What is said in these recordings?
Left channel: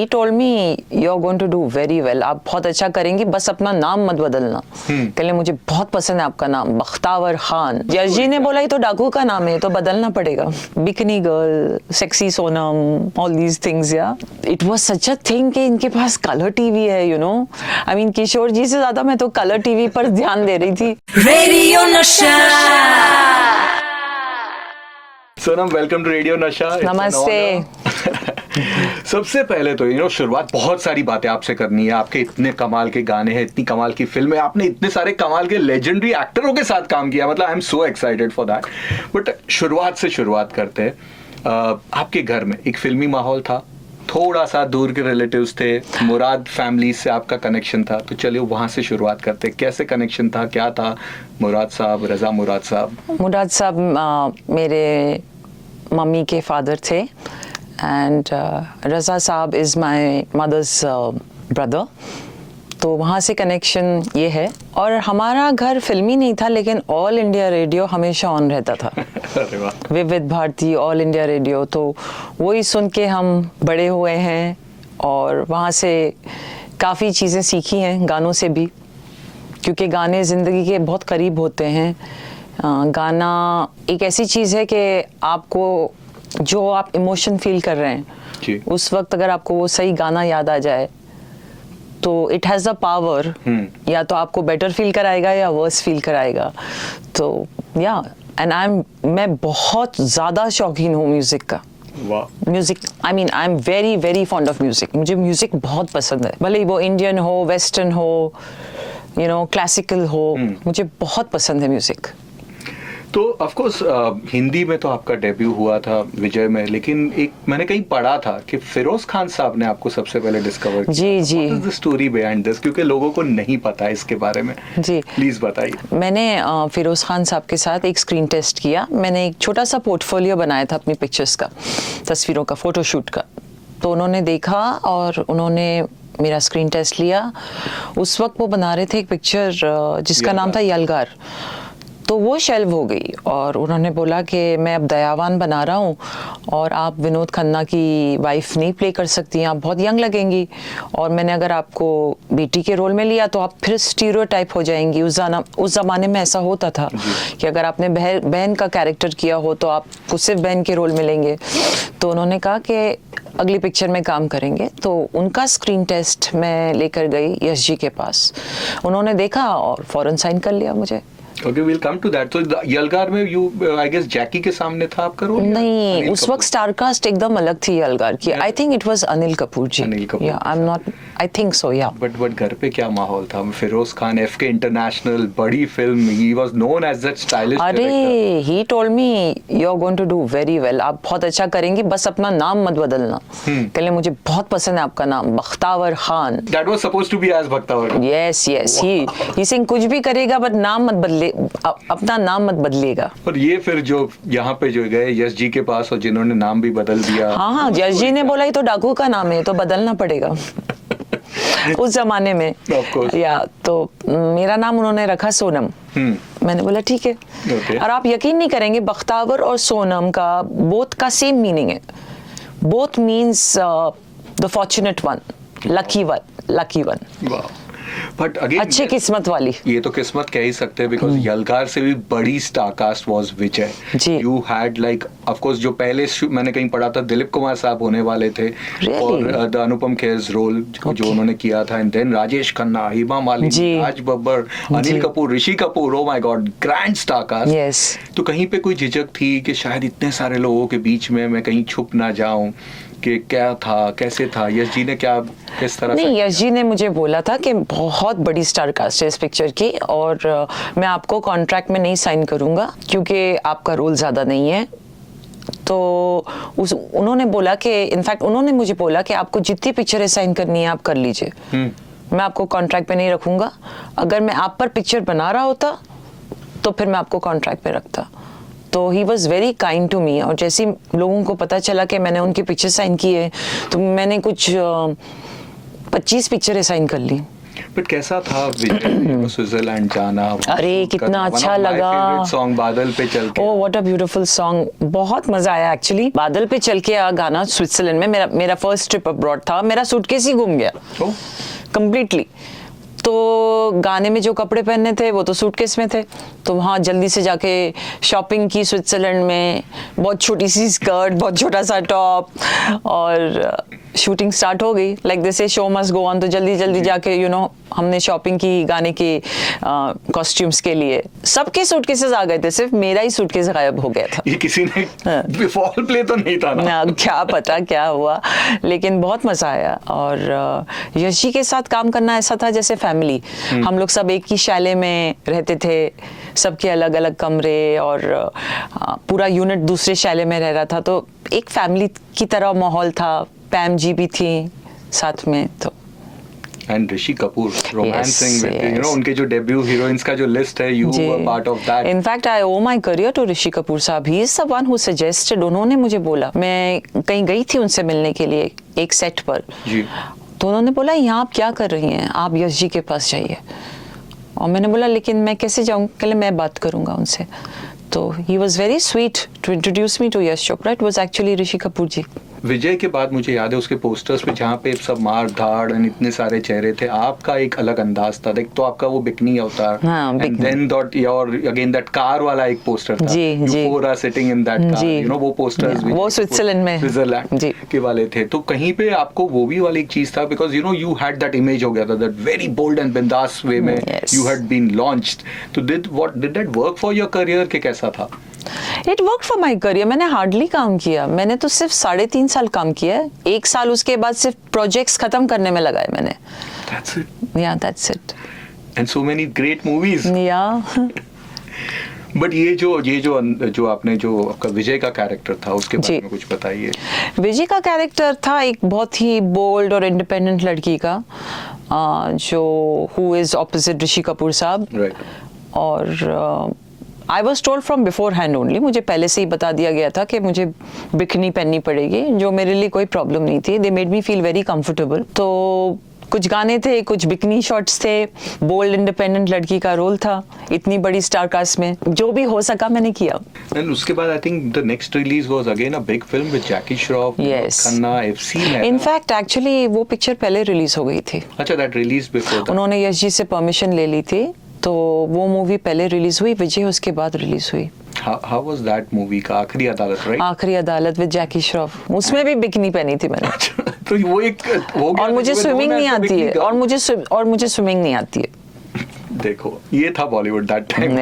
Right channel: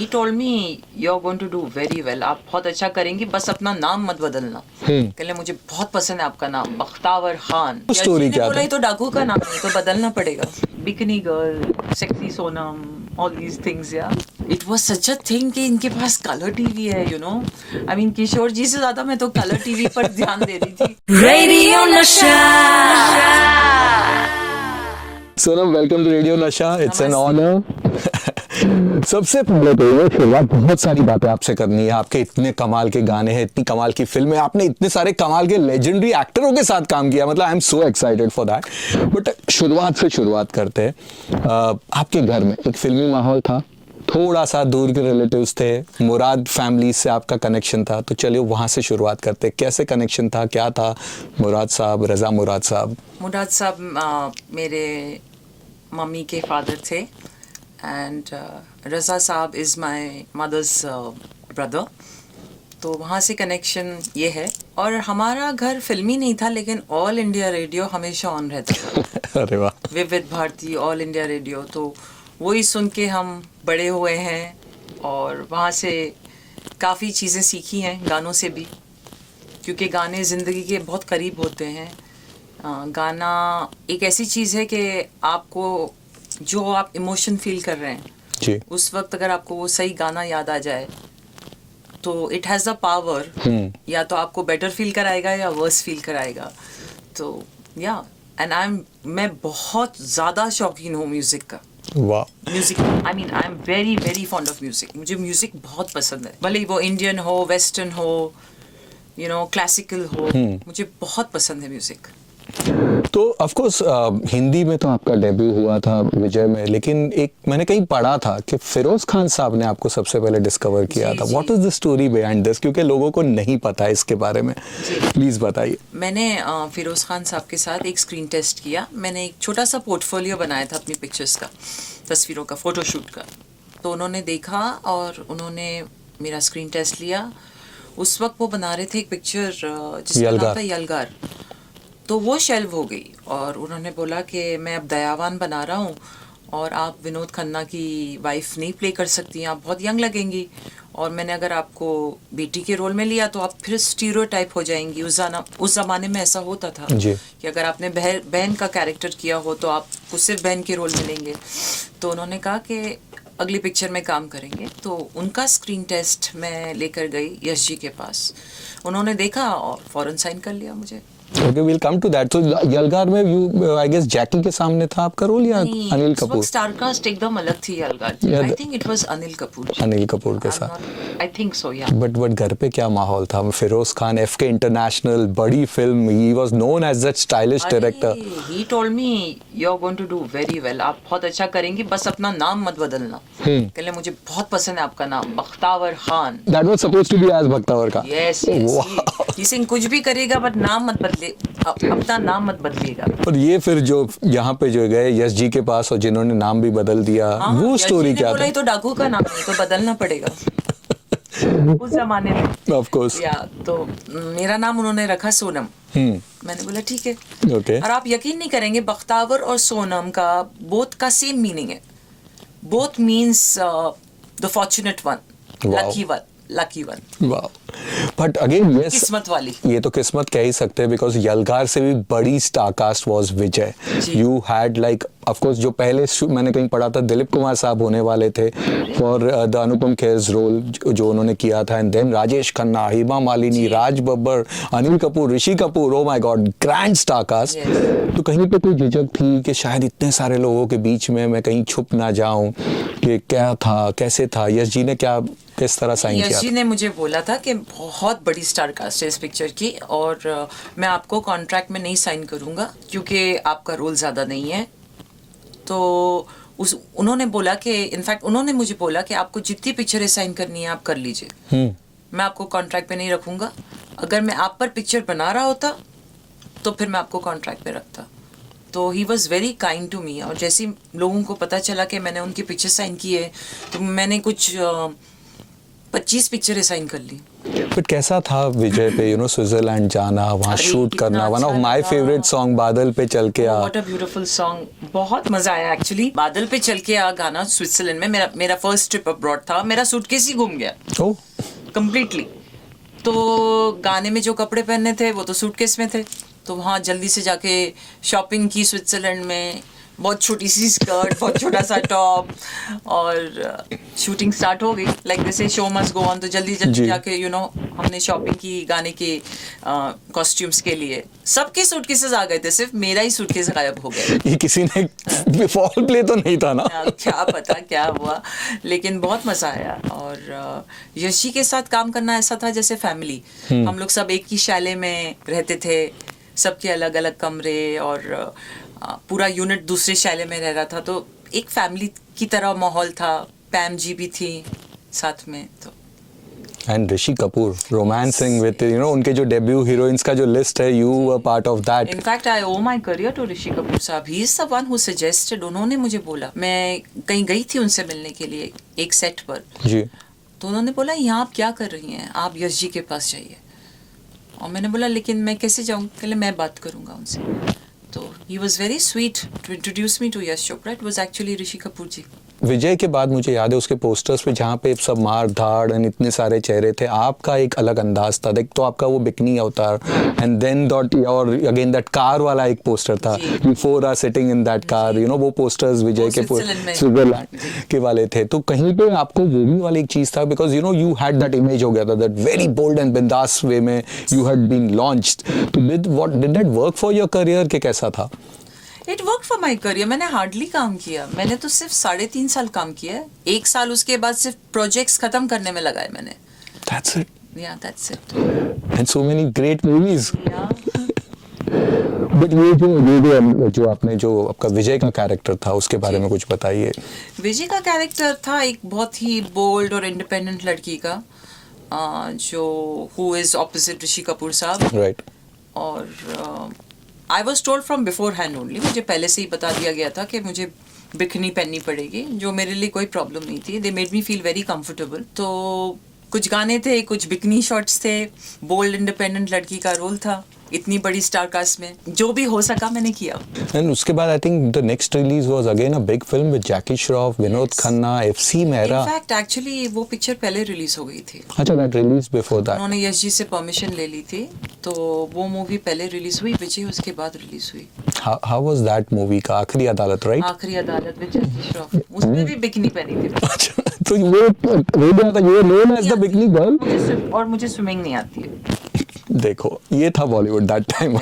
he told me you're going to do very well. आप बहुत अच्छा करेंगी, बस अपना नाम मत बदलना। कहले मुझे बहुत पसंद है आपका नाम, बख्तावर खान। यश जी ने बोला ये तो डाकू का नाम है, तो बदलना पड़ेगा। Bikini girl, sexy Sonam, all these things, yeah. It was such a thing कि इनके पास कलर टीवी है, you know. I mean किशोर जी से ज्यादा मैं तो कलर टीवी पर ध्यान दे रही थी। Radio Nasha. Sonam, welcome to Radio Nasha. It's an honour. सबसे पहले तो ये शुरुआत, बहुत सारी बातें आपसे करनी है। आपके इतने कमाल के गाने हैं, इतनी कमाल की फिल्में, आपने इतने सारे कमाल के लेजेंडरी एक्टरों के साथ काम किया, मतलब आई am so excited for that. But शुरुआत से शुरुआत करते हैं। आपके घर में एक फिल्मी माहौल था, थोड़ा सा दूर के रिलेटिव्स थे, मुराद फैमिली से आपका कनेक्शन था, तो चलिए वहां से शुरुआत करते हैं। कैसे कनेक्शन था, क्या था? मुराद साहब, रजा मुराद साहब। मुराद साहब मेरे मम्मी के फादर थे, एंड रजा साहब इज़ माय मदर्स ब्रदर। तो वहाँ से कनेक्शन ये है। और हमारा घर फिल्मी नहीं था, लेकिन ऑल इंडिया रेडियो हमेशा ऑन रहता था। अरे वाह। विविध भारती, ऑल इंडिया रेडियो, तो वही सुन के हम बड़े हुए हैं। और वहाँ से काफ़ी चीज़ें सीखी हैं, गानों से भी, क्योंकि गाने ज़िंदगी के बहुत करीब होते हैं। गाना एक ऐसी चीज़ है कि आपको जो आप इमोशन फील कर रहे हैं जी, उस वक्त अगर आपको वो सही गाना याद आ जाए तो इट हैज़ द पावर, या तो आपको बेटर फील कराएगा या वर्स फील कराएगा। तो या मैं बहुत ज़्यादा शौकीन हूँ म्यूज़िक का। वाह। Music, I mean I am very very fond of music. मुझे म्यूजिक बहुत पसंद है, भले वो इंडियन हो, वेस्टर्न हो, यू नो, क्लासिकल हो, मुझे बहुत पसंद है म्यूजिक। तो ऑफ कोर्स हिंदी में तो आपका डेब्यू हुआ था विजय में, लेकिन एक मैंने कहीं पढ़ा था कि फिरोज खान साहब ने आपको सबसे पहले डिस्कवर किया था। What is the story behind this, क्योंकि लोगों को नहीं पता है इसके बारे में। जी, प्लीज बताइए। मैंने फिरोज खान साहब के साथ एक स्क्रीन टेस्ट किया। मैंने एक छोटा सा पोर्टफोलियो बनाया था अपनी पिक्चर्स का, तस्वीरों का, फोटोशूट का। तो उन्होंने देखा और उन्होंने मेरा स्क्रीन टेस्ट लिया। उस वक्त वो बना रहे थे एक पिक्चर जिसका नाम था यलगार। तो वो शेल्व हो गई और उन्होंने बोला कि मैं अब दयावान बना रहा हूँ और आप विनोद खन्ना की वाइफ नहीं प्ले कर सकती, आप बहुत यंग लगेंगी, और मैंने अगर आपको बेटी के रोल में लिया तो आप फिर स्टीरियोटाइप हो जाएंगी। उस ज़माने में ऐसा होता था कि अगर आपने बहन का कैरेक्टर किया हो तो आपको सिर्फ बहन के रोल में लेंगे। तो उन्होंने कहा कि अगली पिक्चर में काम करेंगे। तो उनका स्क्रीन टेस्ट मैं लेकर गई यश जी के पास। उन्होंने देखा और फौरन साइन कर लिया मुझे। Okay, we'll come to that. So यलगार में you, I guess जैकी के सामने था आपका रोल या नहीं, अनिल उस कपूर? वक्त स्टारकास्ट एकदम अलग थी यलगार की। I think it was Anil Kapoor ji. Anil Kapoor के I am not, I think so, yeah. But घर पे क्या माहौल था? फिरोज खान, एफके इंटरनेशनल, बड़ी film, he was known as that stylish director. अरे he told me you are going to do very well, आप बहुत अच्छा करेंगी, बस अपना नाम मत बदलना। कहले मुझे बहुत पसंद है आपका नाम, Bakhtawar Khan. That was supposed to be as Bakhtawar का। यस यस, ही सिंह कुछ भी करेगा बट नाम मत बदले, अपना नाम मत बदलिएगा। और ये फिर जो यहाँ पे जो गए यश जी के पास और जिन्होंने नाम भी बदल दिया। हाँ, वो यश story जी ने क्या बोला था? ये तो डाकू का नाम है, तो बदलना पड़ेगा। उस जमाने में Of course. या तो मेरा नाम उन्होंने रखा सोनम। मैंने बोला ठीक है। Okay. और आप यकीन नहीं करेंगे, बख्तावर और सोनम का बोथ का सेम मीनिंग है। Both means the fortunate one, lucky one. वाह। बट अगेन अच्छी किस्मत वाली। ये तो किस्मत कह ही सकते हैं, बिकॉज यलगार से भी बड़ी star cast was Vijay. You had like, of course जो पहले मैंने कहीं पढ़ा था दिलीप कुमार साहब होने वाले थे for the Anupam Kher's role जो उन्होंने किया था, and then Rajesh Khanna, Hema Malini, Raj Babbar, Anil Kapoor, Rishi Kapoor. Oh my God, grand star cast. तो कहीं पे कोई झिझक थी कि शायद इतने सारे लोगों के बीच में मैं कहीं छुप ना जाऊं, कि क्या था, कैसे था? यश जी ने क्या, किस तरह साइन किया? यश जी ने मुझे बोला था कि बहुत बड़ी स्टार कास्ट है इस पिक्चर की, और मैं आपको कॉन्ट्रैक्ट में नहीं साइन करूंगा क्योंकि आपका रोल ज्यादा नहीं है। तो उन्होंने बोला कि, इनफैक्ट उन्होंने मुझे बोला कि आपको जितनी पिक्चरें साइन करनी है आप कर लीजिए, मैं आपको कॉन्ट्रैक्ट पे नहीं रखूंगा। अगर मैं आप पर पिक्चर बना रहा होता तो फिर मैं आपको कॉन्ट्रैक्ट पे रखता। तो he was very kind to me. और जैसे लोगों को पता चला कि मैंने उनकी पिक्चर साइन की है, तो मैंने कुछ 25 पिक्चरें साइन कर ली। बट कैसा था विजय पे, यू नो, स्विट्जरलैंड जाना, वहाँ अरे शूट कितना करना, वन अच्छा ऑफ माय लगा। फेवरेट सॉन्ग बादल पे चल के ओह आ। व्हाट अ ब्यूटीफुल सॉन्ग, बहुत मजा आया एक्चुअली। बादल पे चल के आ गाना स्विट्जरलैंड में, मेरा फर्स्ट ट्रिप अब्रॉड था। मेरा सूटकेस ही गुम गया ओह, कंप्लीटली। तो गाने में जो कपड़े पहनने थे वो तो सूटकेस में थे, तो वहाँ जल्दी से जाके शॉपिंग की स्विट्जरलैंड में। बहुत छोटी सी स्कर्ट, बहुत छोटा सा टॉप, और शूटिंग स्टार्ट हो गई। Like this show must go on, तो जल्दी जल्दी जाके यू नो हमने शॉपिंग की गाने के कॉस्ट्यूम्स के लिए। सबके सूटकेसेस आ गए थे, सिर्फ मेरा ही सूटकेस गायब हो गया था। ये किसी ने फॉल प्ले तो नहीं था ना? क्या पता क्या हुआ, लेकिन बहुत मजा आया। और यश जी के साथ काम करना ऐसा था जैसे फैमिली। हम लोग सब एक ही शैले में रहते थे, सबके अलग अलग कमरे, और पूरा यूनिट दूसरे शैले में रह रहा था, तो एक फैमिली की तरह माहौल था। पैम जी भी थी साथ में। तो and Rishi Kapoor romancing with, you know, yes. उनके जो डेब्यू हीरोइंस का जो लिस्ट है, you were part of that. In fact I owe my career to Rishi Kapoor sahab. He is the one who suggested. उन्होंने मुझे बोला, मैं कहीं गई थी उनसे मिलने के लिए एक सेट पर जी। तो उन्होंने बोला यहाँ आप क्या कर रही हैं, आप यश जी के पास जाइए। और मैंने बोला लेकिन मैं कैसे जाऊँ? कहले मैं बात करूँगा उनसे। तो he was very sweet to introduce me to Yash Chopra. It was actually Rishi Kapoor ji. Vijay के बाद मुझे याद है उसके पोस्टर्स पे जहाँ पे सब मार धाड़ एंड इतने सारे चेहरे थे, आपका एक अलग अंदाज था। देख तो आपका वो बिकनी अवतार, and then that your again that car वाला एक पोस्टर था, you for are sitting in that car, you know, वो पोस्टर्स विजय के स्विट्जरलैंड के वाले थे। तो कहीं पे आपको वो भी वाली एक चीज था, because you know you had that image हो गया था, दैट वेरी बोल्ड एंड बिंदास वे में यू हैड बीन लॉन्च्ड। तो did that work for your career के कैसा था? It work for my career. मैंने हार्डली काम किया, मैंने तो सिर्फ 3.5 साल काम किया है। 1 साल उसके बाद सिर्फ प्रोजेक्ट्स खत्म करने में लगाए मैंने। That's it. Yeah, that's it. And so many great movies. Yeah. But ये जो आपने जो आपका विजय का कैरेक्टर था उसके बारे में कुछ बताइए। विजय का कैरेक्टर था एक बहुत ही बोल्ड और इंडिपेंडेंट लड़की का, जो हु इज ऑपोजिट ऋषि कपूर साहब। Right. और I was told from before hand only, मुझे पहले से ही बता दिया गया था कि मुझे बिकनी पहननी पड़ेगी, जो मेरे लिए कोई प्रॉब्लम नहीं थी। They made me feel very comfortable. तो कुछ गाने थे, कुछ बिकनी शॉट्स थे, बोल्ड इंडिपेंडेंट लड़की का रोल था इतनी बड़ी स्टार कास्ट में। जो भी हो सका मैंने किया। एंड उसके बाद I think the next release was again a big film with Jackie Shroff, Vinod Khanna, FC Mehra. In fact actually वो पिक्चर पहले रिलीज हो गई थी। अच्छा, दैट रिलीज बिफोर दैट। उन्होंने यश जी से परमिशन ले ली थी, तो वो मूवी पहले रिलीज हुई, विजय उसके बाद रिलीज हुई। हाउ वाज दैट मूवी का? आखिरी अदालत, राइट? आखिरी अदालत विद जैकी श्रॉफ। उसमें भी बिकनी पहनी थी मैंने। तो वो एक वो और मुझे स्विमिंग नहीं आती है, गाउन। और मुझे स्विमिंग नहीं आती है। देखो ये था बॉलीवुड दैट टाइम।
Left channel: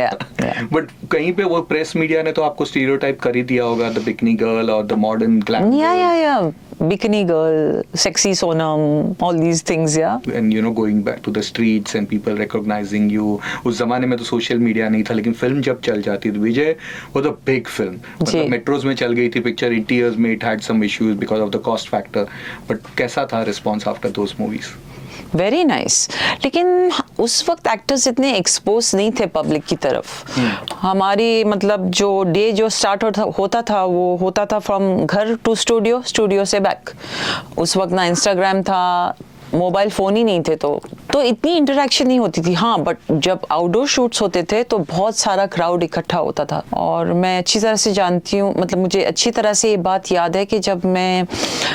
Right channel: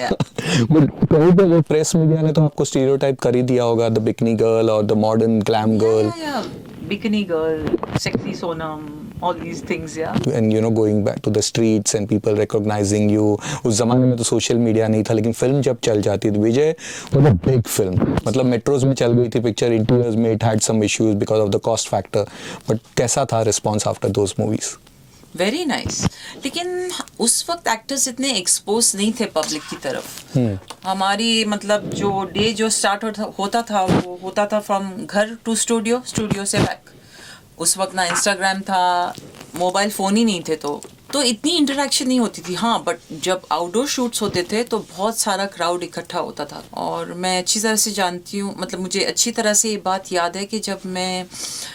बट कहीं पे वो प्रेस मीडिया ने तो आपको स्टीरियोटाइप कर ही दिया होगा, द बिकनी गर्ल और the modern glam girl. Yeah bikini girl, sexy Sonam, all these things. Yeah and you know going back to the streets and people recognising you. उस जमाने में तो सोशल मीडिया नहीं था, लेकिन फिल्म जब चल जाती थी, Vijay was a big film. मतलब मेट्रोज में चल गई थी पिक्चर, इंटीरियर्स में it had some issues because of the cost factor. But कैसा था response after those movies? Very nice. लेकिन उस वक्त एक्टर्स इतने एक्सपोज नहीं थे पब्लिक की तरफ। हमारी मतलब जो डे जो स्टार्ट होता था वो होता था फ्रॉम घर टू स्टूडियो, स्टूडियो से बैक। उस वक्त ना इंस्टाग्राम था, मोबाइल फोन ही नहीं थे, तो इतनी इंटरेक्शन नहीं होती थी। हाँ, बट जब आउटडोर शूट्स होते थे तो बहुत सारा क्राउड इकट्ठा होता था। और मैं अच्छी तरह से जानती हूँ, मतलब मुझे अच्छी तरह से ये बात याद है कि जब मैं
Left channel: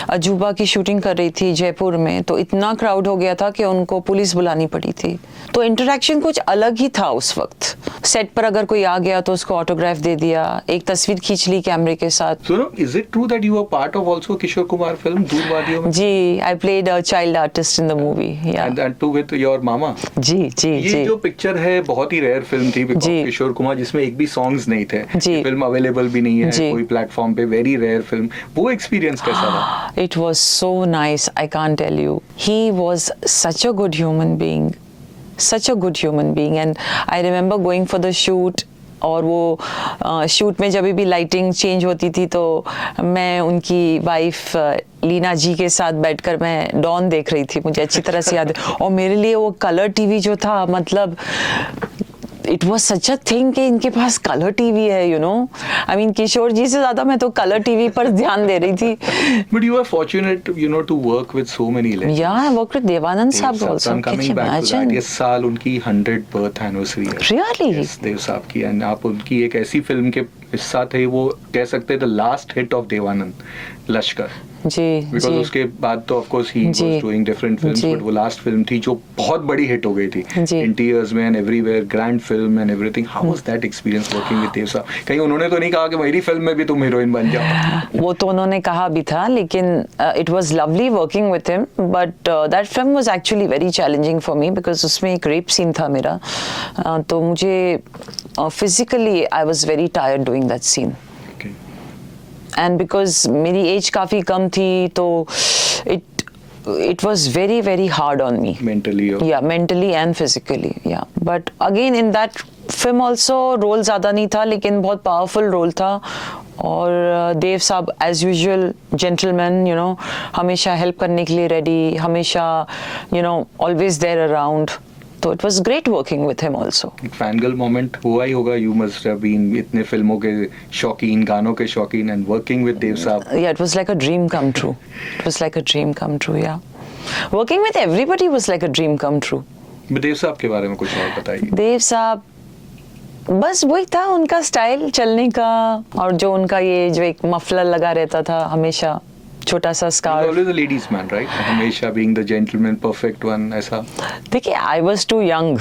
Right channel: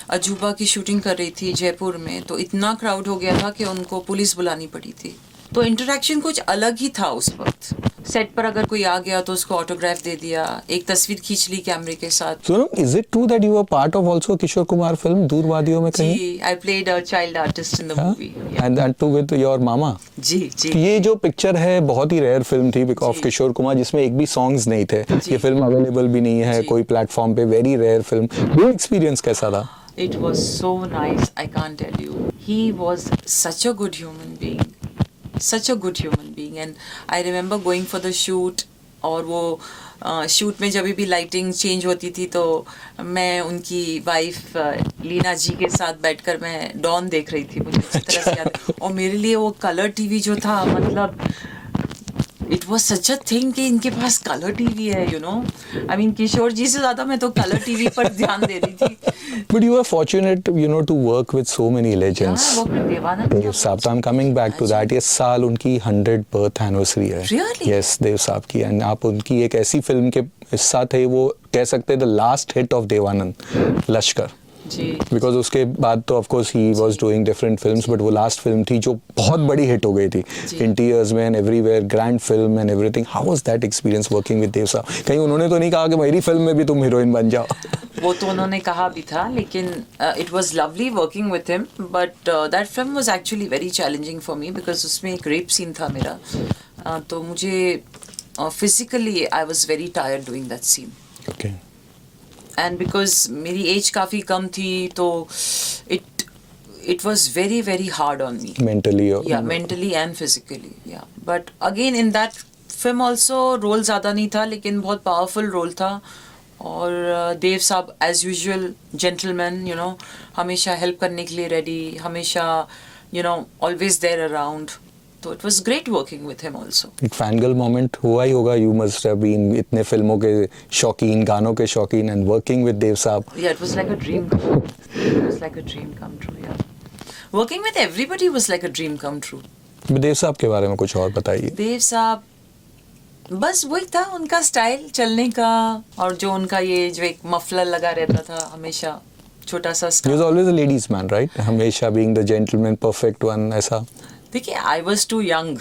अजूबा की शूटिंग कर रही थी जयपुर में, तो इतना क्राउड हो गया था कि उनको पुलिस बुलानी पड़ी थी। तो इंटरेक्शन कुछ अलग ही था उस वक्त। सेट पर अगर कोई आ गया तो उसको ऑटोग्राफ दे दिया, एक तस्वीर खींच ली कैमरे के साथ। So is it true that you were part of also Kishore Kumar film Door Wadiyon में? जी, I played a child artist in the movie. Yeah. And that too with your मामा। जी जी। ये जी. जो पिक्चर है बहुत ही रेयर फिल्म थी ऑफ किशोर कुमार, जिसमें एक भी सॉन्ग्स नहीं थे। ये फिल्म अवेलेबल भी नहीं है कोई प्लेटफॉर्म पे, वेरी रेयर फिल्म। वो एक्सपीरियंस कैसा था? It was so nice, I can't tell you. He was such a good human being. Such a good human being. And I remember going for the shoot, और वो shoot में जब भी lighting change होती थी तो मैं उनकी वाइफ लीना जी के साथ बैठकर मैं डॉन देख रही थी, मुझे अच्छी तरह से याद है। और मेरे लिए वो कलर टीवी जो था, मतलब it was such a thing कि इनके पास कलर टीवी है, यू नो, आई मीन किशोर जी से ज्यादा मैं तो कलर टीवी पर ध्यान दे रही थी. But you are fortunate, you know, to work with so many legends. Yeah, I worked with Devanand Dev Saab Saab. also. I'm coming Can you back to that. imagine? इस साल उनकी 100th birth anniversary है. Really? Yes, देव साहब की. And आप उनकी एक ऐसी फिल्म के हिस्सा थे, वो कह सकते हैं the last hit of Devanand, Lashkar. Ji. Because जी. उसके बाद तो of course he ji. was doing different films, ji. but वो last film थी जो बहुत बड़ी hit हो गई थी. जी. In tears में and everywhere, grand film and everything. How was that experience working with देव साहब? कहीं उन्होंने तो नहीं कहा कि मेरी फिल्म में भी तुम हीरोइन बन जाओ? वो तो उन्होंने कहा भी था, लेकिन it was lovely working with him, but that film was actually very challenging for me because उसमें एक रेप सीन था मेरा. तो मुझे physically I was very tired doing that scene. Okay. And because मेरी एज काफ़ी कम थी तो it was very very hard on me. Mentally. Yeah, mentally and physically. Yeah, but again in that film also role ज़्यादा नहीं था, लेकिन बहुत powerful role था. और देव साहब as usual gentleman, you know, हमेशा help करने के लिए ready, हमेशा you know always there around. तो it was great working with him also. एक फैनगर्ल मोमेंट हुआ ही होगा. You must have been इतने फिल्मों के शौकीन, गानों के शौकीन, and working with देव साहब. Yeah, it was like a dream come true. It was like a dream come true, yeah. Working with everybody was like a dream come true. देव साहब के बारे में कुछ और बताइए. देव साहब बस वही था, उनका स्टाइल चलने का, और जो उनका ये जो एक मफलर लगा रहता था हमेशा, छोटा सा He was scarf. always a ladies man, right? हमेशा being the gentleman, perfect one, ऐसा. देखिए I was too young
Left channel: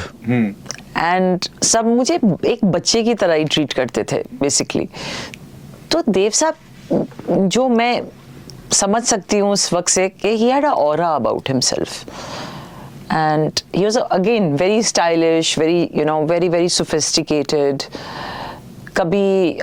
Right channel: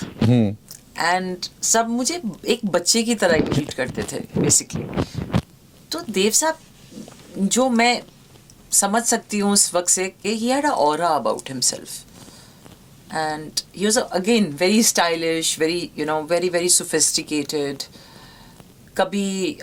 and सब मुझे एक बच्चे की तरह ही ट्रीट करते थे बेसिकली. तो देव साहब जो मैं समझ सकती हूँ उस वक्त से कि he had a aura about himself, and he was again very stylish, very you know very very sophisticated. कभी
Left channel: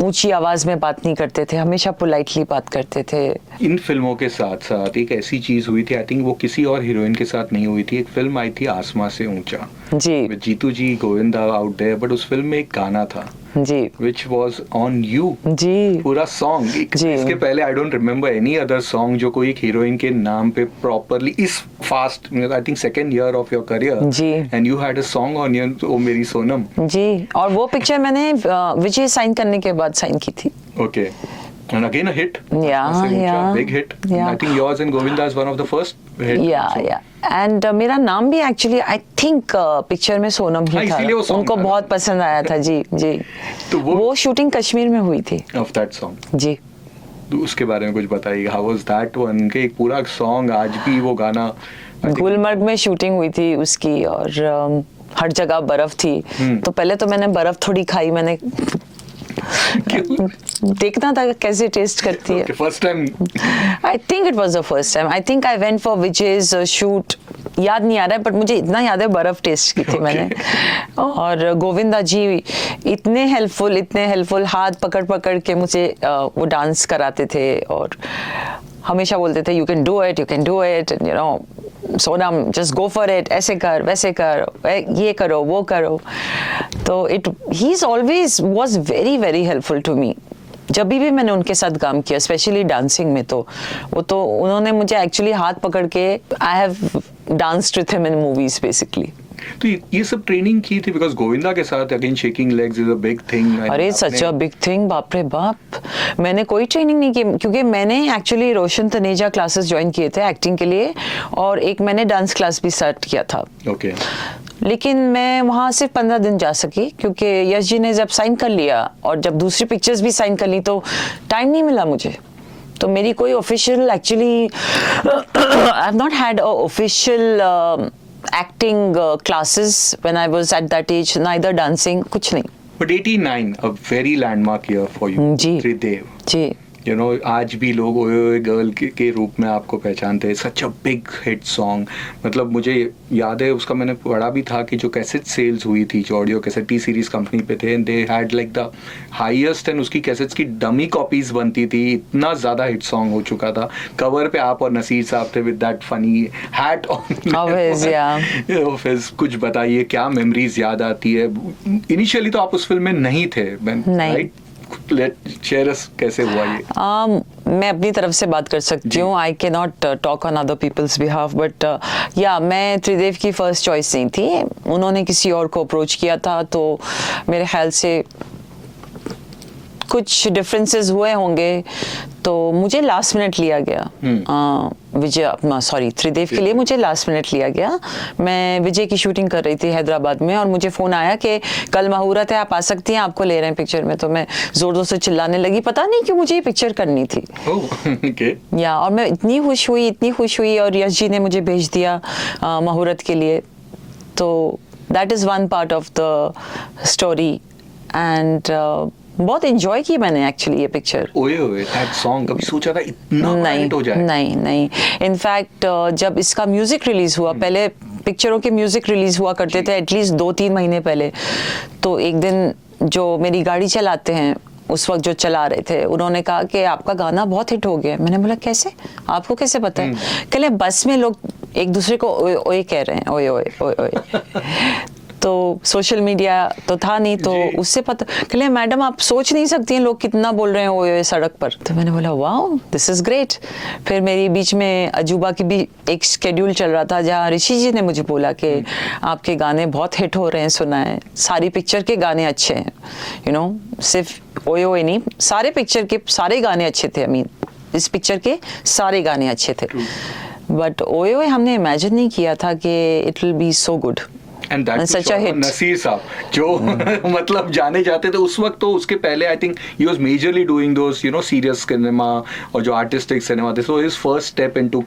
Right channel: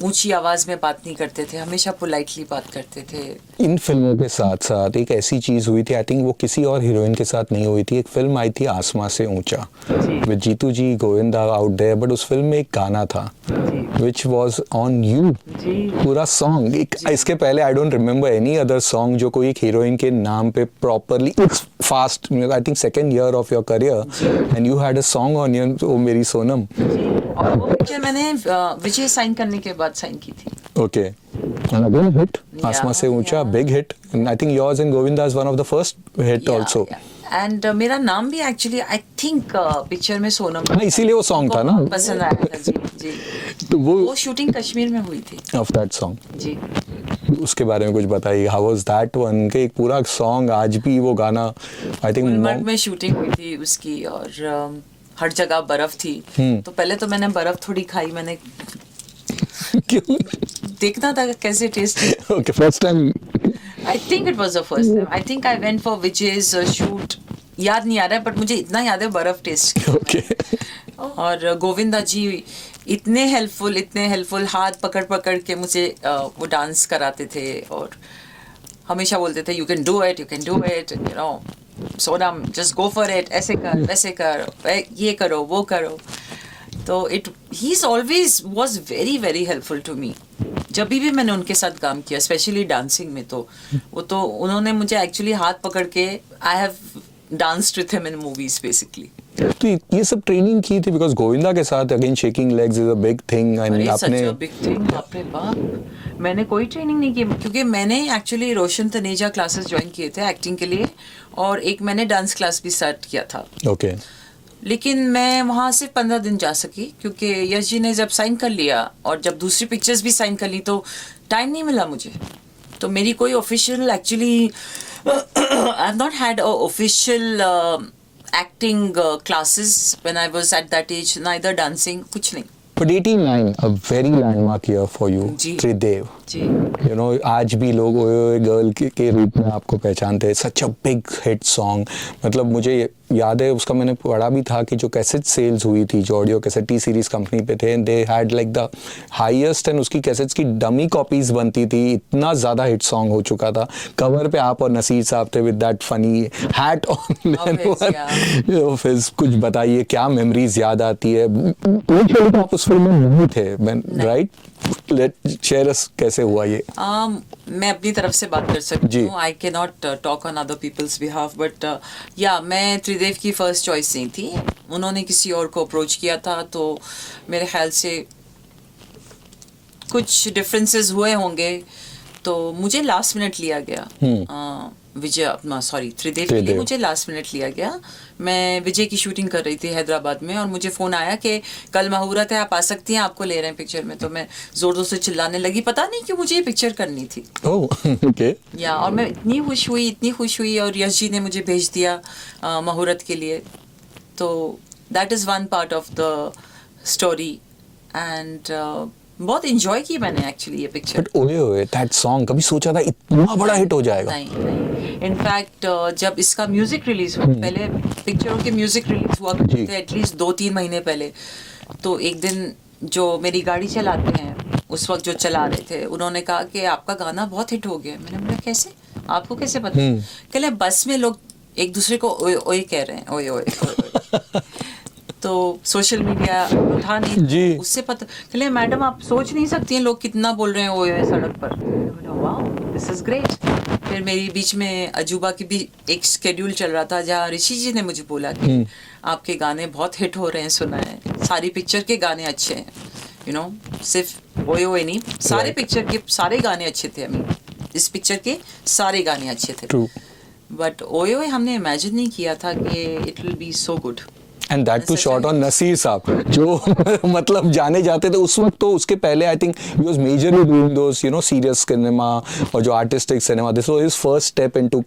ऊंची आवाज में बात नहीं करते थे, हमेशा पोलाइटली बात करते थे. इन फिल्मों के साथ साथ एक ऐसी चीज हुई थी, आई थिंक वो किसी और हीरोइन के साथ नहीं हुई थी. एक फिल्म आई थी आसमां से ऊंचा, जी. with Jeetu ji, Govinda out there, but उस फिल्म में एक गाना था जी. which was on you. जी. पूरा सॉन्ग इसके पहले I don't remember any other song जो कोई एक हीरोइन के नाम पे प्रॉपरली इस fast, I think second year of your career, and you had a song on your O Meri Sonam. जी. और वो पिक्चर मैंने विजय साइन करने के बाद साइन की थी. Okay. And again a hit. आसमां से ऊंचा, yeah. big hit. Yeah. I think yours and Govinda's one of the first hit also. And मेरा नाम भी एक्चुअली आई थिंक पिक्चर में सोनम ही हाँ, था. इसीलिए वो song उनको था ना? बहुत पसंद आया था. जी जी. तो वो शूटिंग कश्मीर में हुई थी. Of that song. जी. उसके बारे में कुछ बताइए. How was that one? कि एक पूरा song, आज भी वो गाना I think गुलमर्ग में शूटिंग हुई थी उसकी, और हर जगह बर्फ थी. तो पहले तो मैंने बर्फ थोड़ी खाई, मैंने देखना था कैसे टेस्ट करती है. Okay, first time. I think it was the first time. I think I went for Vijay's shoot. याद नहीं आ रहा है, बट मुझे इतना याद है बर्फ टेस्ट की थी मैंने. और गोविंदा जी इतने हेल्पफुल, हाथ पकड़ पकड़ के मुझे वो डांस कराते थे, और हमेशा बोलते थे you can do it, you know Sonam just go for it, ऐसे कर वैसे कर, ये करो वो करो. तो he is always was very very helpful to me. जब भी मैंने उनके साथ काम किया, स्पेशली डांसिंग में, तो वो तो उन्होंने मुझे एक्चुअली हाथ पकड़ के, I have danced with him in movies basically. तो ये सब ट्रेनिंग की थी, बिकॉज गोविंदा के साथ again shaking legs is a big thing. अरे सच अ बिग थिंग, बाप रे बाप. मैंने कोई ट्रेनिंग नहीं की, क्योंकि मैंने एक्चुअली रोशन तनेजा क्लासेस ज्वाइन किए थे एक्टिंग के लिए, और एक मैंने डांस क्लास भी स्टार्ट किया था. ओके. लेकिन मैं वहाँ सिर्फ 15 दिन जा सकी, क्योंकि यश जी ने जब साइन कर लिया और जब दूसरी पिक्चर्स भी साइन कर ली तो टाइम नहीं मिला मुझे. तो मेरी कोई official actually I have not had official acting classes when I was at that age, neither dancing, कुछ नहीं. But 89, a very landmark year for you, ji. Tridev. Ji. You know, आज भी लोग ओए ओए गर्ल के रूप में आपको पहचानते हैं. सच अ बिग हिट सॉन्ग. मतलब मुझे याद है उसका, मैंने पढ़ा भी था कि जो कैसेट सेल्स हुई थी, जो audio cassette T series company पे थे, they had like the highest, and उसकी कैसेट्स की डमी कॉपीज बनती थी. इतना ज्यादा हिट सॉन्ग हो चुका था. कवर पे आप और नसीर साहब थे with that funny hat on. कुछ बताइए, क्या मेमोरीज याद आती है? इनिशियली तो आप उस फिल्म में नहीं थे, राइट? शेयर अस कैसे हुआ ये? मैं अपनी तरफ से बात कर सकती हूँ. I can not talk on other people's behalf, but yeah मैं त्रिदेव की फर्स्ट चॉइस नहीं थी. उन्होंने किसी और को अप्रोच किया था, तो मेरे ख्याल से कुछ डिफरेंसेस हुए होंगे, तो मुझे लास्ट मिनट लिया गया. त्रिदेव के लिए मुझे लास्ट मिनट लिया गया. मैं विजय की शूटिंग कर रही थी हैदराबाद में, और मुझे फोन आया कि कल मुहूर्त है, आप आ सकती हैं, आपको ले रहे हैं पिक्चर में. तो मैं जोर जोर से चिल्लाने लगी, पता नहीं क्यों मुझे ये पिक्चर करनी थी. ओके. या और मैं इतनी खुश हुई और यश जी ने मुझे भेज दिया मुहूर्त के लिए. तो that is one part of the story. And बहुत एंजॉय की मैंने एक्चुअली ये पिक्चर. ओए ओए, दैट सॉन्ग कभी सोचा था इतना बड़ा हिट हो जाएगा? नहीं. इनफैक्ट जब इसका म्यूजिक रिलीज हुआ, पहले पिक्चरों के म्यूजिक रिलीज हुआ करते थे एटलीस्ट 2-3 महीने पहले. तो एक दिन जो मेरी गाड़ी चलाते हैं उस वक्त जो चला रहे थे, उन्होंने कहा कि आपका गाना बहुत हिट हो गया. मैंने बोला कैसे, आपको कैसे पता है? कहले बस में लोग एक दूसरे को ओए ओए कह रहे हैं, ओए ओए ओए ओए. तो सोशल मीडिया तो था नहीं, तो उससे पता. कहले मैडम आप सोच नहीं सकती हैं लोग कितना बोल रहे हैं ओए सड़क पर. तो मैंने बोला वाओ, दिस इज ग्रेट. फिर मेरी बीच में अजूबा की भी एक शेड्यूल चल रहा था, जहाँ ऋषि जी ने मुझे बोला कि आपके गाने बहुत हिट हो रहे हैं, सुना है, सारी पिक्चर के गाने अच्छे हैं. यू नो, सिर्फ ओए ओए नहीं, सारे पिक्चर के सारे गाने अच्छे थे. इस पिक्चर के सारे गाने अच्छे थे. बट ओए ओए हमने इमेजिन नहीं किया था कि it will be so good. And that too shot on Naseer sahab, जो मतलब जाने जाते थे उस वक्त. तो उसके पहले I think he was majorly doing those, you know, serious cinema और जो artistic cinema. This was his first step into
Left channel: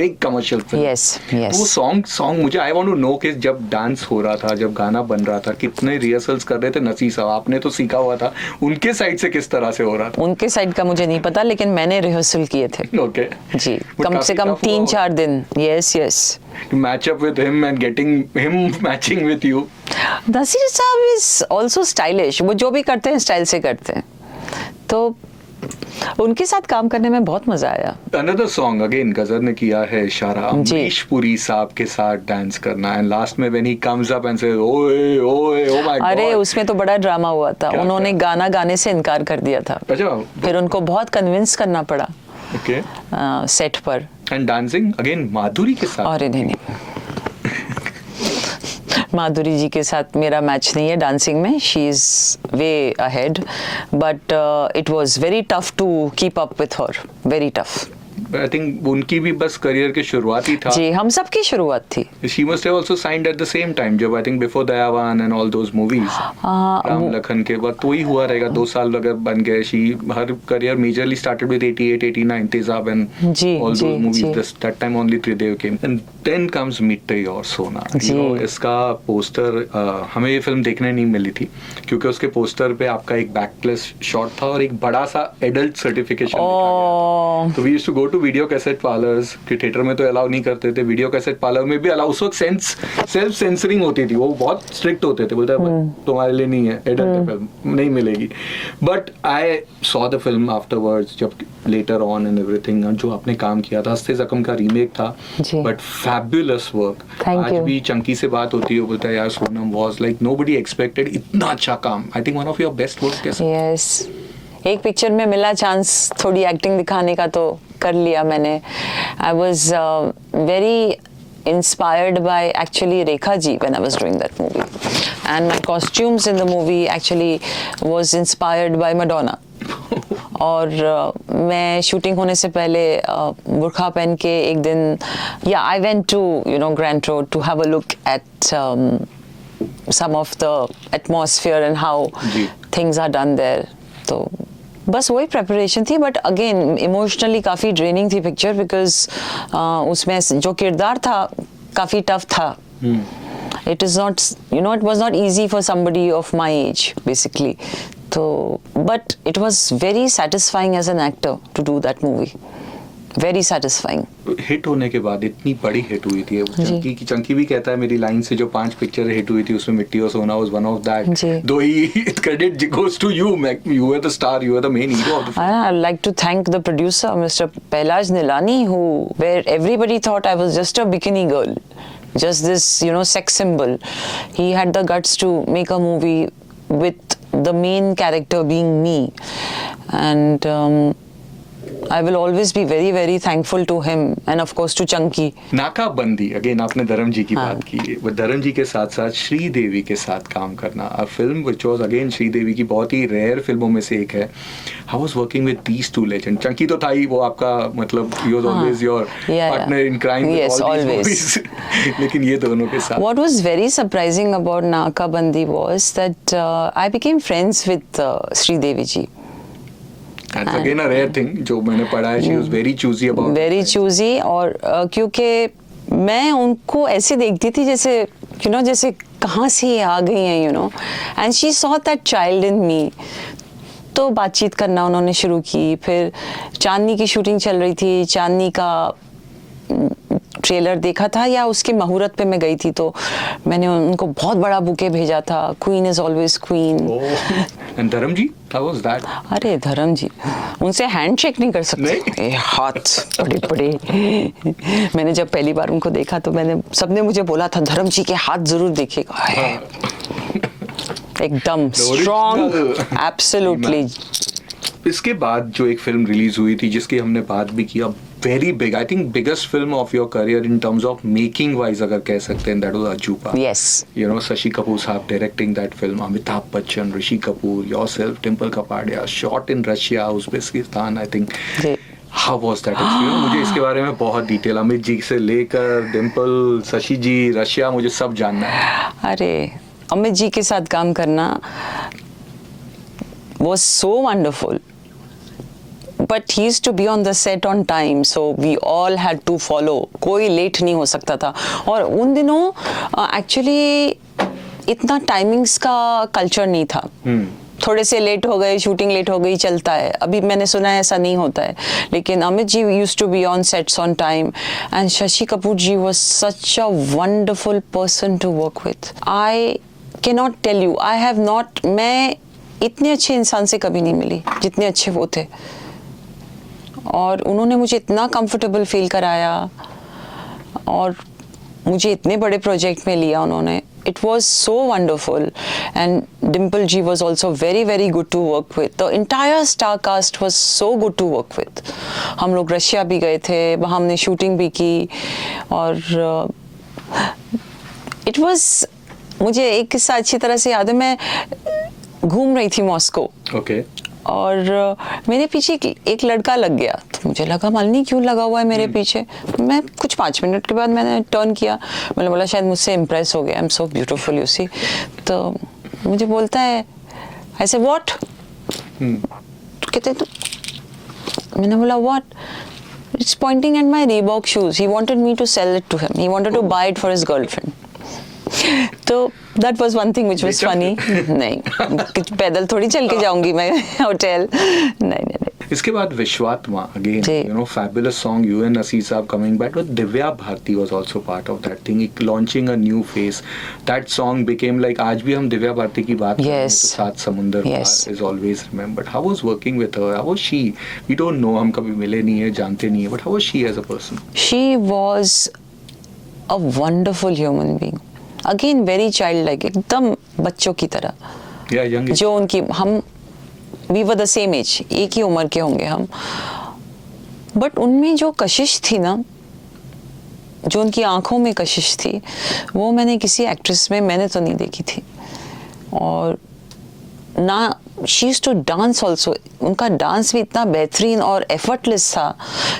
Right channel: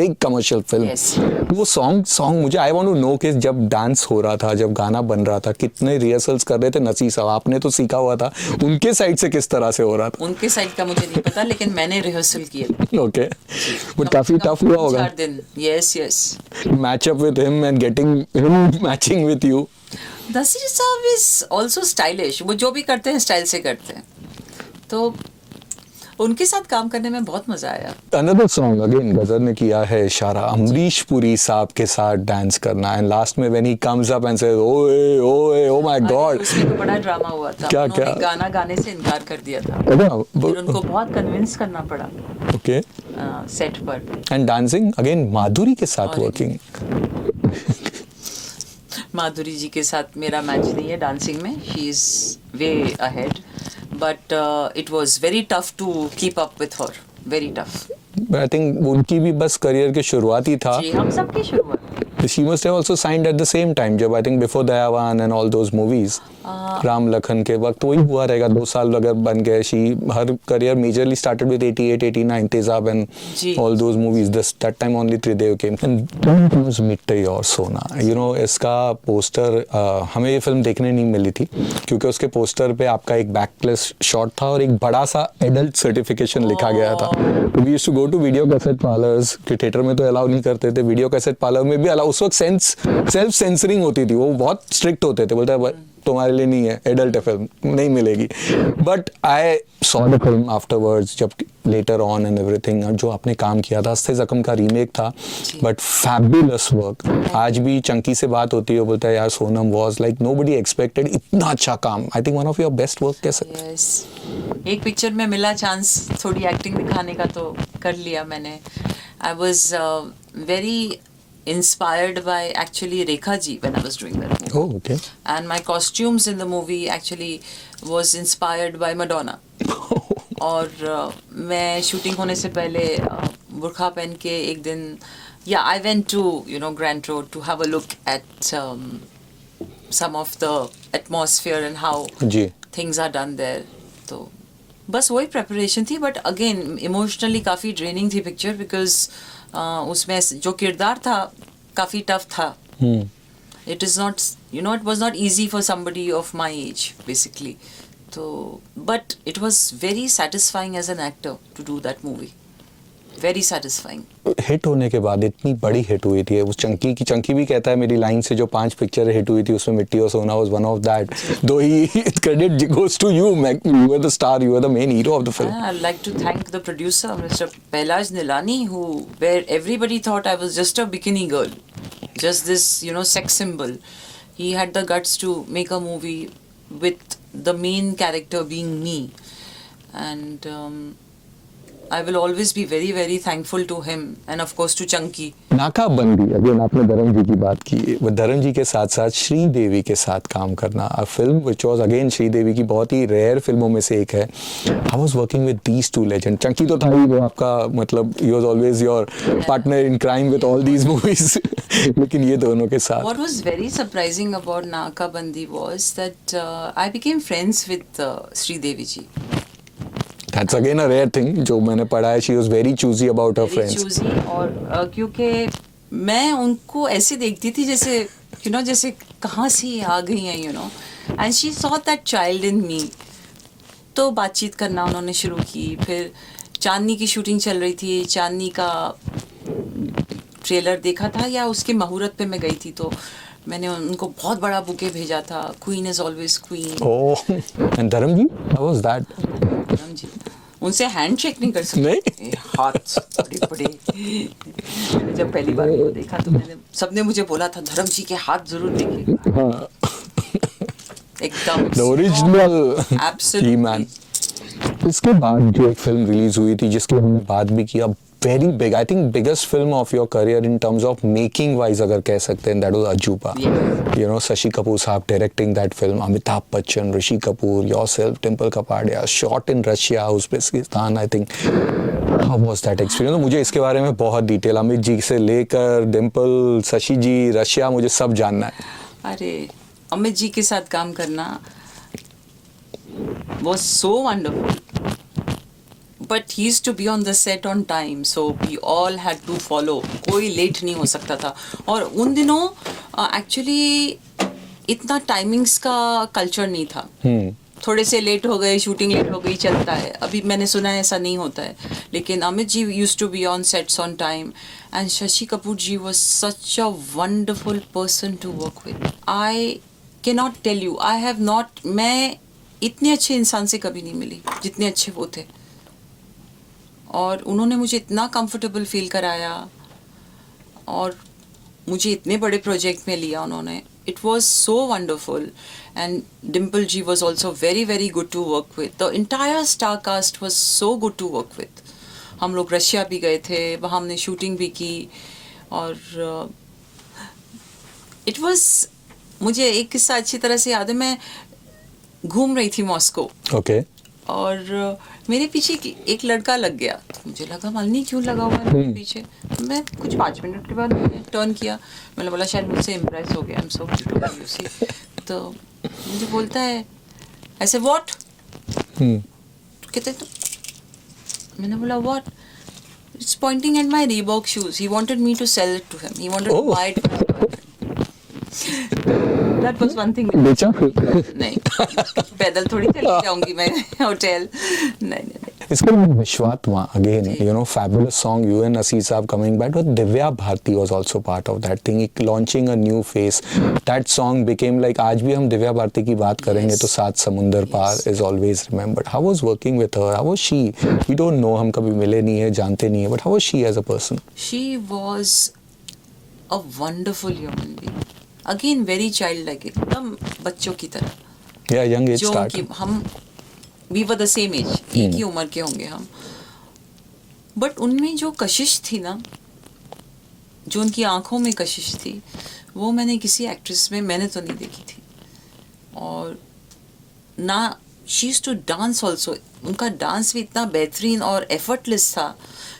big commercial film. Yes. वो song मुझे I want to know कि जब डांस हो रहा था, जब गाना बन रहा था, कितने रिहर्सल्स कर रहे थे नसीर साहब? आपने तो सीखा हुआ था, उनके साइड से किस तरह से हो रहा था? उनके साइड का मुझे नहीं पता, लेकिन मैंने रिहर्सल किए थे. Okay. जी, कम से कम 3-4 दिन. Yes. You match up with him and getting him matching with you. Naseer साहब is also stylish. वो जो भी करते हैं स्टाइल से करते हैं, तो उनके साथ काम करने में बहुत मजा आया. Another song again गजर ने किया है इशारा, अमरीश पुरी साहब के साथ डांस करना. एंड लास्ट में when he comes up and says ओए ओए oh my god. अरे उसमें तो बड़ा ड्रामा हुआ था. उन्होंने गाना गाने से इनकार कर दिया था. फिर उनको बहुत कन्विंस करना पड़ा सेट पर. एंड डांसिंग अगेन माधुरी के साथ. अरे नहीं. माधुरी जी के साथ मेरा मैच नहीं है डांसिंग में. She is way ahead, but it was very tough to keep up with her. Very tough. I think उनकी भी बस करियर की शुरुआत ही था. जी, हम सबकी शुरुआत थी. She must have also signed at the same time, जब I think before Dayavan and all those movies, Ram Lakhan के वक्त वही हुआ रहेगा. 2 साल अगर बन गए. She her career majorly started with 88, 89 Tezaab and all those movies. That time only Tridev came. And then comes Mitti Aur Sona. You know, इसका पोस्टर हमें ये फिल्म देखने नहीं मिली थी, क्योंकि उसके पोस्टर पे आपका एक बैकलेस शॉट था और एक बड़ा सा एडल्ट सर्टिफिकेशन लिखा गया था. तो we used to go to video cassette parlours के. थिएटर में तो अलाउ नहीं करते थे, वीडियो कैसेट पार्लर में भी अलाउ. उस वक्त सेल्फ सेंसरिंग होती थी, वो बहुत स्ट्रिक्ट होते थे. बोलते हैं तुम्हारे लिए नहीं है, एडल्ट है फिल्म, नहीं मिलेगी. But I saw the film afterwards, जब लेटर ऑन एंड एवरीथिंग. जो आपने काम किया था, हस्ते जख्म का रीमेक था, बट फैबुलस वर्क. आज भी चंकी से बात होती है, बोलता है यार Sonam was like nobody expected. इतना अच्छा काम. I think one of your best work. कैसे? यस, एक पिक्चर में मिला चांस थोड़ी एक्टिंग दिखाने का, तो कर लिया मैंने. आई was very inspired by actually Rekha ji when I was doing that movie. Oh, okay. And my costumes in the movie actually was inspired by Madonna. और मैं शूटिंग होने से पहले बुर्खा पहन के एक दिन, I went to Grant Road to have a look at some of the atmosphere and how things are done there. तो बस वही प्रेपरेशन थी. बट अगेन इमोशनली काफ़ी ड्रेनिंग थी पिक्चर, बिकॉज उसमें जो किरदार था काफ़ी टफ था. It is not, it was not easy for somebody of my age basically. तो but it was very satisfying as an actor to do that movie. Very satisfying. Hit होने के बाद इतनी बड़ी हिट हुई थी. उस चंकी भी कहता है मेरी लाइन से, जो 5 पिक्चर हिट हुई थी उसमें मिट्टी और सोना was one of that. Though he credit goes to you. You are the star, you are the main hero of the film. I like to thank the producer mister Pahlaj Nihalani, who where everybody thought I was just a bikini girl, just this sex symbol. He had the guts to make a movie with the main character being me, and I will always be very very thankful to him and of course to Chunky. नाकाबंदी, again आपने धर्म जी की बात की, वो धर्म जी के साथ साथ श्रीदेवी के साथ काम करना, a film which was again Sridevi की बहुत ही रेयर फिल्मों में से एक है. How was working with these two legend? Chunky तो था ही वो आपका, मतलब he was always your partner in crime with all these movies. लेकिन ये दोनों के साथ What was very surprising about Nakabandi was that I became friends with Sridevi ji. That's again a rare thing जो मैंने पढ़ा है. She was very choosy about her Very friends. choosy, और क्योंकि मैं उनको ऐसे देखती थी जैसे जैसे कहाँ से ये आ गई हैं, and she saw that child in me. तो बातचीत करना उन्होंने शुरू की. फिर चांदनी की शूटिंग चल रही थी, चांदनी का ट्रेलर देखा था या उसके मुहूर्त पे मैं गई थी, तो मैंने उनको बहुत बड़ा बुके भेजा था. Queen is always queen. And धर्म जी, how was that? अरे धर्म जी, उनसे हैंडशेक नहीं कर सकते, हाथ बड़े बड़े. मैंने जब पहली बार उनको देखा तो सबने मुझे बोला था धर्म जी के हाथ जरूर दिखेगा. एकदम स्ट्रॉन्ग, एब्सोल्युटली. इसके बाद जो एक फिल्म रिलीज हुई थी जिसकी हमने बात भी किया, very big, I think biggest film of your career in terms of making wise अगर कह सकते हैं, दैट वाज अजूबा. शशि कपूर साहब directing that film, Amitabh Bachchan, Rishi Kapoor, yourself, Dimple Kapadia, shot in Russia, Uzbekistan, I think. How was that experience? मुझे इसके बारे में बहुत डिटेल, अमित जी से लेकर डिम्पल, शशि जी, रशिया, मुझे सब जानना है. अरे अमित जी के साथ काम करना was so wonderful, but he used to be on the set on time, so we all had to follow. कोई लेट नहीं हो सकता था. और उन दिनों एक्चुअली इतना टाइमिंग्स का कल्चर नहीं था. थोड़े से लेट हो गए, शूटिंग लेट हो गई, चलता है. अभी मैंने सुना है ऐसा नहीं होता है, लेकिन Amit ji used to be on sets on time, and Shashi Kapoor ji was such a wonderful person to work with. I cannot tell you, I have not, मैं इतने अच्छे इंसान से कभी नहीं मिली जितने अच्छे वो थे. और उन्होंने मुझे इतना कंफर्टेबल फील कराया और मुझे इतने बड़े प्रोजेक्ट में लिया उन्होंने. It was so wonderful. And Dimple ji was also very very good to work with. The entire star cast was so good to work with. हम लोग रशिया भी गए थे, वहाँ हमने शूटिंग भी की. और इट वॉज, मुझे एक किस्सा अच्छी तरह से याद है. मैं घूम रही थी मॉस्को, और मेरे पीछे एक लड़का लग गया. तो मुझे लगा मालूम क्यों लगा हुआ है मेरे पीछे. मैं कुछ 5 मिनट के बाद मैंने टर्न किया, मैंने बोला शायद मुझसे इम्प्रेस हो गया, I am so beautiful you see. तो मुझे बोलता है ऐसे व्हाट, कहते तू. मैंने बोला what. It's pointing at my Reebok shoes. He wanted me to sell it to him. He wanted to buy it for his girlfriend. तो that was one thing which was funny. नहीं, पैदल थोड़ी चल के जाऊंगी मैं होटल. नहीं. इसके बाद विश्वात्मा, again fabulous song, you and Aziz साहब coming back, but Divya Bharti was also part of that thing, launching a new face. That song became like, आज भी हम दिव्या भारती की बात करेंगे तो सात समुंदर पार is always remembered. How was working with her? How was she? We don't know, हम कभी मिले नहीं है, जानते नहीं है, but how was she as a person? She was a wonderful human being. Again very childlike, एकदम बच्चों की तरह. young age जो start. उनकी, हम we were the same age, एक ही उम्र के होंगे हम. बट उनमें जो कशिश थी ना, जो उनकी आंखों में कशिश थी, वो मैंने किसी एक्ट्रेस में मैंने तो नहीं देखी थी. और ना she used to dance also. उनका डांस भी इतना बेहतरीन और एफर्टलेस था.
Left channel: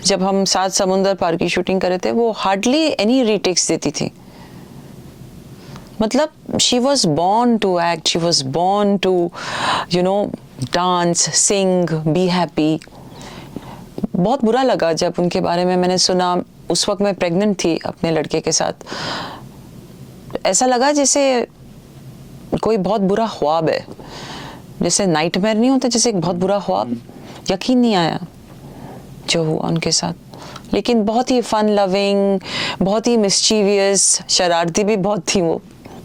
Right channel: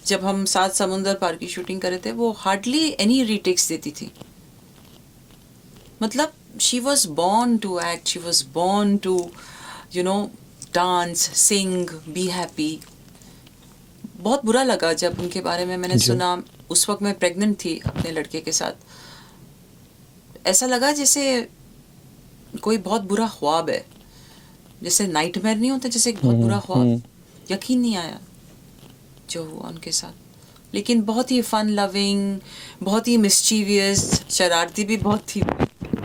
जब हम सात समुंदर पार की शूटिंग कर रहे थे, वो हार्डली एनी रीटेक्स देती थी. मतलब she was born to act, she was born to dance, sing, be happy. बहुत बुरा लगा जब उनके बारे में मैंने सुना. उस वक्त मैं प्रेग्नेंट थी अपने लड़के के साथ. ऐसा लगा जैसे कोई बहुत बुरा ख्वाब है, जैसे नाइटमेयर नहीं होता, जैसे एक बहुत बुरा ख्वाब. यकीन नहीं आया जो हुआ उनके साथ. लेकिन बहुत ही फन लविंग, बहुत ही मिस्चीवियस, शरारती भी बहुत थी वो.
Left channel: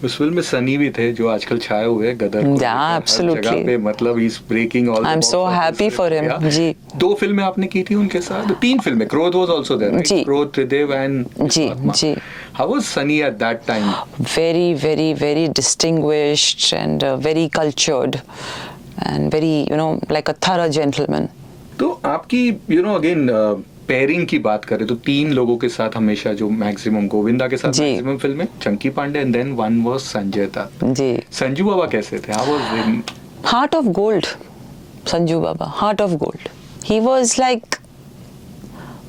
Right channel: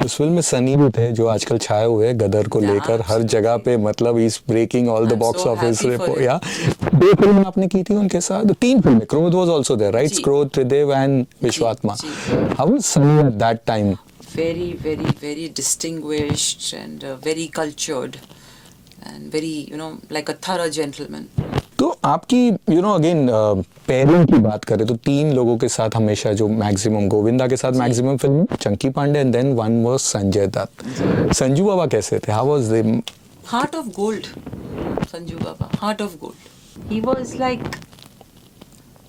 उस फिल्म में सनी भी थे जो आजकल छाए हुए हैं गदर को Yeah, लेकर हर absolutely. जगह पे, मतलब is breaking all the I'm box so happy for him. Office. जी। 2 फिल्में आपने की थी उनके साथ, 3 फिल्में, Krodh was also there right, जी। क्रोध, त्रिदेव एंड विश्वात्मा। जी। How was Sunny at that time? Very distinguished and very cultured and very, like a thorough gentleman. तो आपकी अगेन पेयरिंग की बात करें तो 3 लोगों के साथ हमेशा जो मैक्सिमम, गोविंदा के साथ जी। मैक्सिमम फिल्में, Chunky Pandey and then one was Sanjay Dutt. जी। संजू बाबा कैसे थे? How was they? Heart of gold, Sanju Baba, heart of gold. He was like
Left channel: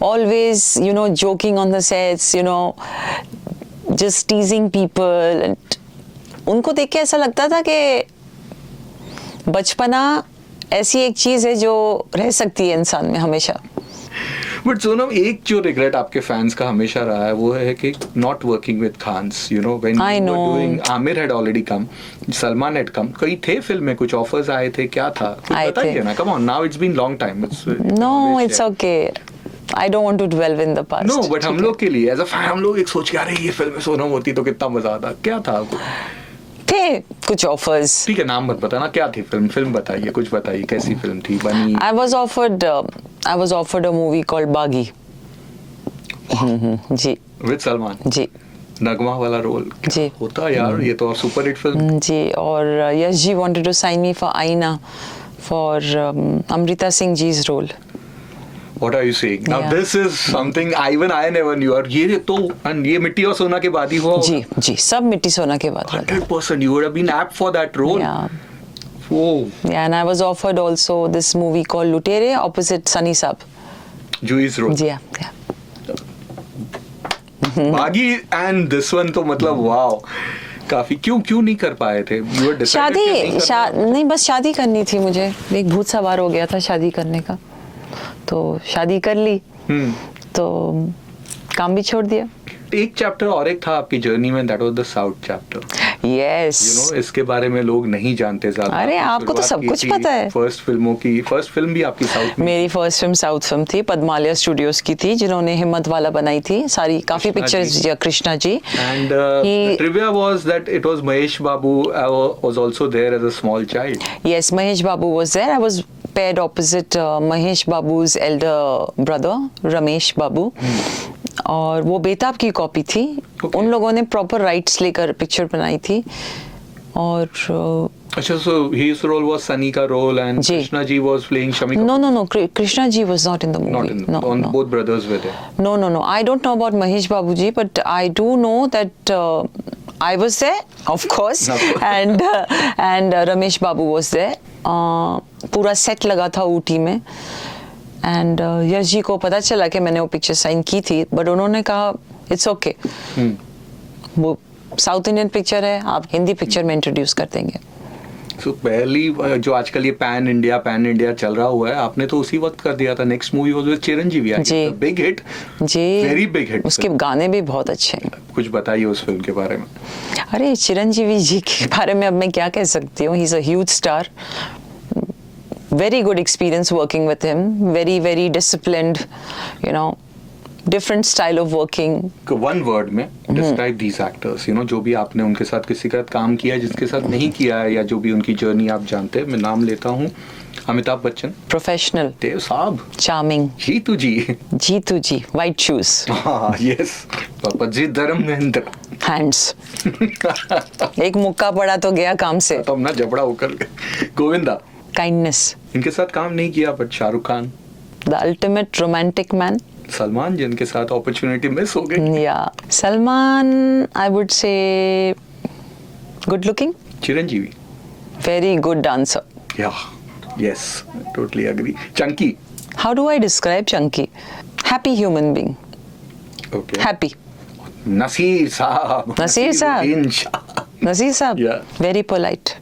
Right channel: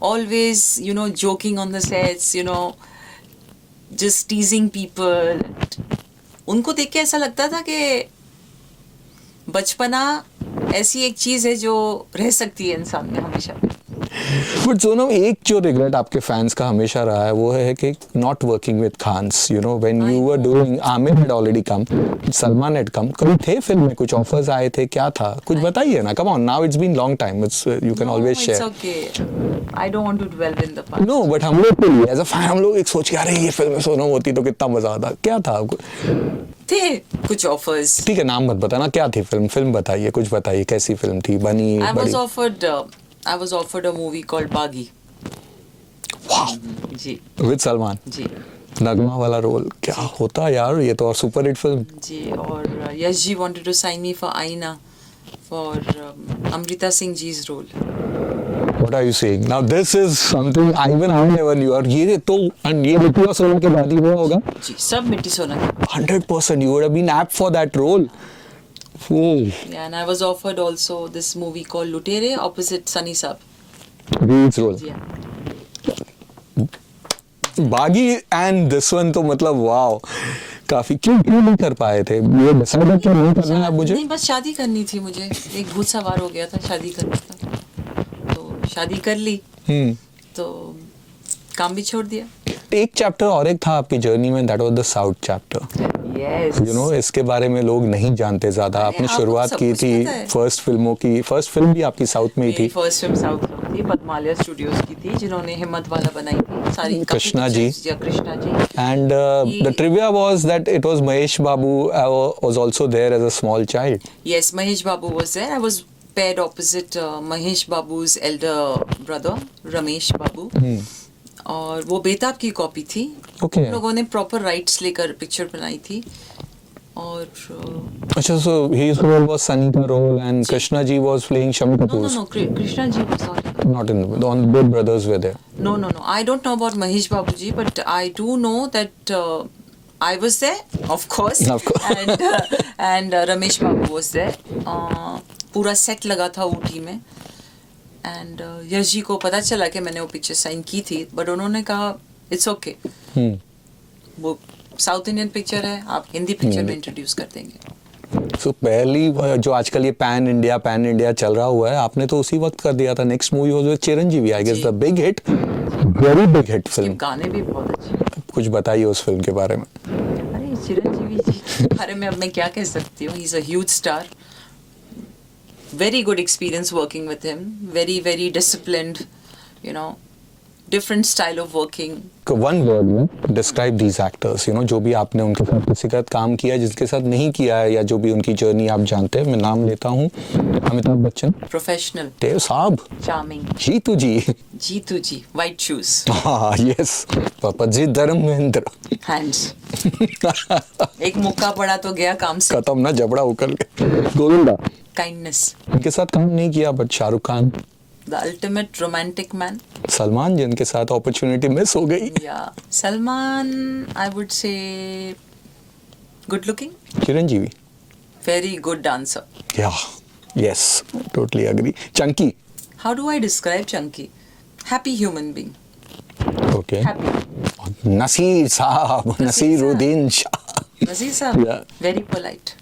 always, joking on the sets, just teasing people. And उनको देख के ऐसा लगता था कि बचपना ऐसी एक चीज है जो रह सकती है इंसान में हमेशा। बट सोनम, एक जो रिग्रेट आपके फैंस का हमेशा रहा है वो है कि not working with Khans, when I you were know. Doing, Aamir had already come, Salman had come, कई थे फिल्म में, कुछ ऑफर्स आए थे, क्या था कुछ आए बताइए थे। ना, come on, now it's been long time, it's you can No, always it's share. okay. I don't want to dwell in the past. No but हम लोग के लिए एज अ फैन, हम लोग एक सोच के, अरे ये फिल्म सोनम होती तो कितना मजा आता, क्या था आपको? थे कुछ ऑफर्स। ठीक है, नाम मत बताना, क्या थी फिल्म बताइए, कुछ बताइए, कैसी फिल्म थी, बनी? I was offered a movie called Baghi. जी विद सलमान, जी नगमा वाला रोल, क्या जी। होता यार, ये तो सुपर हिट फिल्म। जी। और Yash ji wanted to sign me for Aina for Amrita Singh ji's role. What are you saying? Now Yeah. this is something even I never knew. और ये तो, and ये मिट्टी और सोना के बाद ही हुआ जी होगा। जी, सब मिट्टी सोना के बाद। 100% you would have been apt for that role. Yeah. Oh, Yeah, and I was offered also this movie called Lutere opposite Sunny Saab. Jui's role. जी हाँ, yeah. बागी and this one तो मतलब वाओ, काफी क्यों नहीं कर पाए थे? You were decided कि नहीं करना मुझे? नहीं, बस शादी करनी थी मुझे, एक भूत सवार हो गया था शादी करने का, तो शादी कर ली, तो काम भी छोड़ दिया। एक चैप्टर और एक था आपकी जर्नी में, that was the South chapter. Yes. इसके बारे में लोग नहीं जानते ज्यादा। अरे, आपने आपको तो शुरुआत सब की कुछ थी पता है। फर्स्ट फिल्म भी आपकी साउथ में मेरी थी। फर्स्ट फिल्म साउथ फिल्म थी, पद्मालय स्टूडियोज की थी, जिन्होंने हिम्मत वाला बनाई थी, सारी काफी Krishna ji. Pictures, Krishna ji. And the trivia was that it was Mahesh Babu was also there as a small child. Yes, Mahesh Babu was there. I was paired opposite Mahesh Babu's elder brother, Ramesh Babu. और वो बेताब की copy थी। Okay. उन लोगों ने proper rights लेकर picture बनाई थी। और अच्छा, so his role was Sunny का role and जी। Krishna ji was playing Shami Kapoor. no, Krishna ji was not in the movie. Not in No, the, no. both brothers were there. No. I don't know about Mahesh Babu ji, but I do know that I was there, of course, Of course. and Ramesh Babu was there. पूरा set लगा था ऊटी में, and Yash ji को पता चला कि मैंने वो पिक्चर साइन की थी, बट उन्होंने कहा इट्स ओके, वो साउथ इंडियन पिक्चर है, आप हिंदी पिक्चर में इंट्रोड्यूस कर देंगे। So पहली जो आजकल ये पैन इंडिया चल रहा हुआ है, आपने तो उसी वक्त कर दिया था। Next movie was with Chiranjeevi, I guess जी। द बिग हिट, जी, वेरी बिग हिट। उसके गाने भी बहुत अच्छे हैं। कुछ बताइए उस फिल्म के बारे में। अरे, चिरंजीवी जी के बारे में अब मैं क्या कह सकती हूँ, he is a huge star, very good experience working with him, very disciplined, different style of working. One word में डिस्क्राइब दीज एक्टर्स, जो भी आपने उनके साथ किसी का काम किया, जिसके साथ नहीं किया है, या जो भी उनकी जर्नी आप जानते हैं। मैं नाम लेता हूँ, अमिताभ बच्चन, Professional, देव साहब, charming, जीतू जी, जीतू जी, white shoes, हाँ यस, पापा जी धर्मेंद्र, hands, एक मुक्का पड़ा तो गया काम से, खत्म ना जबड़ा उकल के। गोविंदा, kindness, इनके साथ काम नहीं किया, but Shahrukh Khan, the ultimate romantic man. Salman, जिनके साथ अपॉर्चुनिटी मिस हो गई। Yeah, Salman, I would say good looking, Chiranjeevi, very good dancer. Yeah yes, totally agree. Chunky, How do I describe Chunky? Happy human being, okay. happy. Naseer sahab, Naseer साहब। Naseeruddin Shah, Nazir साहब, Yeah. very polite,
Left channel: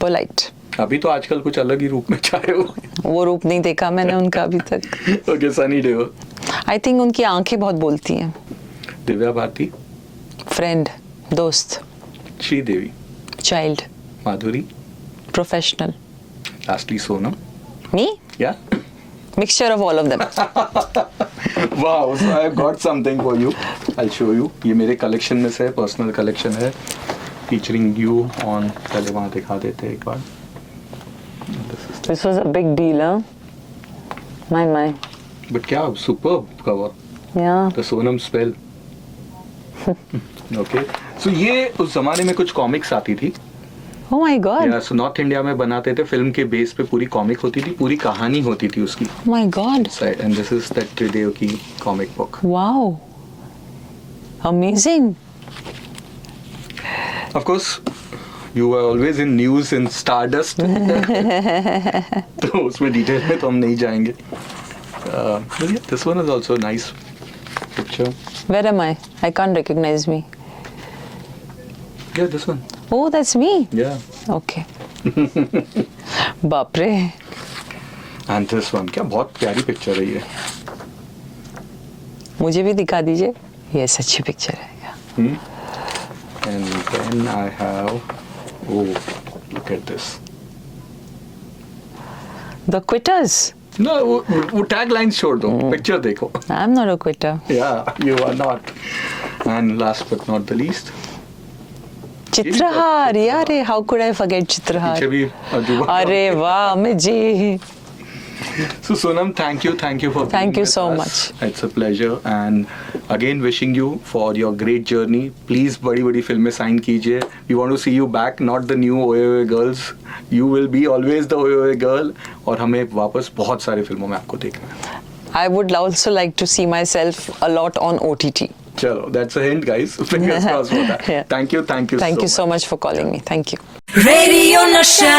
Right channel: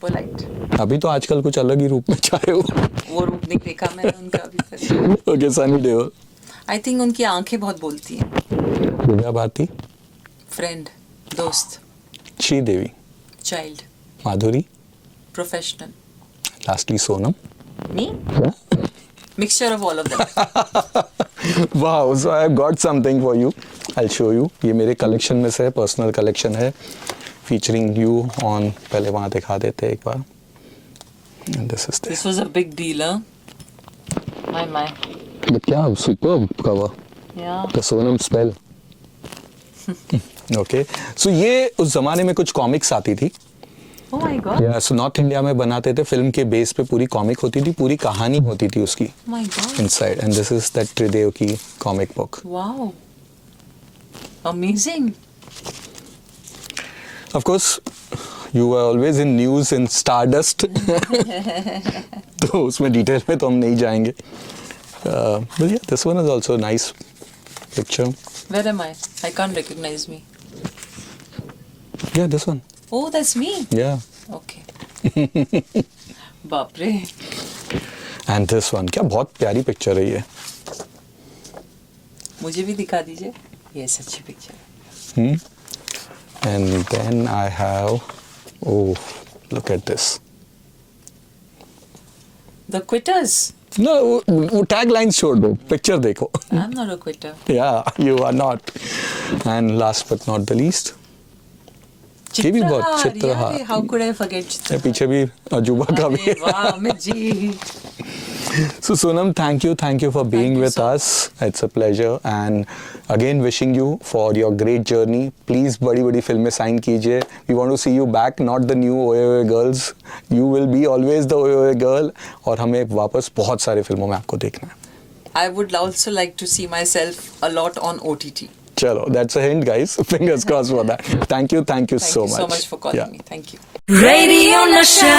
polite. अभी तो आजकल कुछ अलग ही रूप में छाए हो। वो रूप नहीं देखा मैंने उनका अभी तक। ओके, सनी देओल, आई थिंक उनकी आंखें बहुत बोलती हैं। दिव्या भारती, फ्रेंड, दोस्त, श्रीदेवी, चाइल्ड, माधुरी, प्रोफेशनल, लास्टली सोनम। मी, या mixture of all of them. Wow, so I got something for you, I show you. ये मेरे कलेक्शन में से पर्सनल कलेक्शन है। featuring you on, पहले वहाँ दिखा देते हैं एक बार. This is This was a big deal, huh? My. But क्या superb cover. Yeah. The Sonam spell. Okay. So ये उस जमाने में कुछ कॉमिक्स आती थी. Oh my God. So north India में बनाते थे, फिल्म के बेस पे पूरी कॉमिक होती थी, पूरी कहानी होती थी उसकी. Oh my God. Inside, and this is that Trideo की comic book. Wow. Amazing. Of course, you were always in news in Stardust. तो उसमें डिटेल में तो हम नहीं जाएंगे. But yeah, this one is also a nice picture. Where am I? I can't recognize me. Yeah, this one. Oh, that's me. Yeah. Okay. बाप रे. And this one. क्या बहुत प्यारी पिक्चर है ये. मुझे भी दिखा दीजिए. Yes, अच्छी पिक्चर है. And then I have, oh, look at this. The Quitters. No, वो tagline छोड़ दो, पिक्चर देखो. I'm not a quitter. Yeah, you are not. And last but not the least. Chitrahaar यार, how could I forget Chitrahaar? पीछे भी अजूबा का अरे भी. वाह Amit ji. So Sonam, thank you for being Thank you with so us. It's a pleasure, and again wishing you for your great journey. Please बड़ी फिल्में sign कीजिए. We want to see you back, not the new OA girls. You will be always the OA girl. और हमें वापस बहुत सारी फिल्मों में आपको देखना है. I would also like to see myself a lot on OTT. चलो, that's a hint, guys. Fingers crossed for that. Yeah. Thank you so much. Thank you so much for calling me. Thank you. Radio Nasha.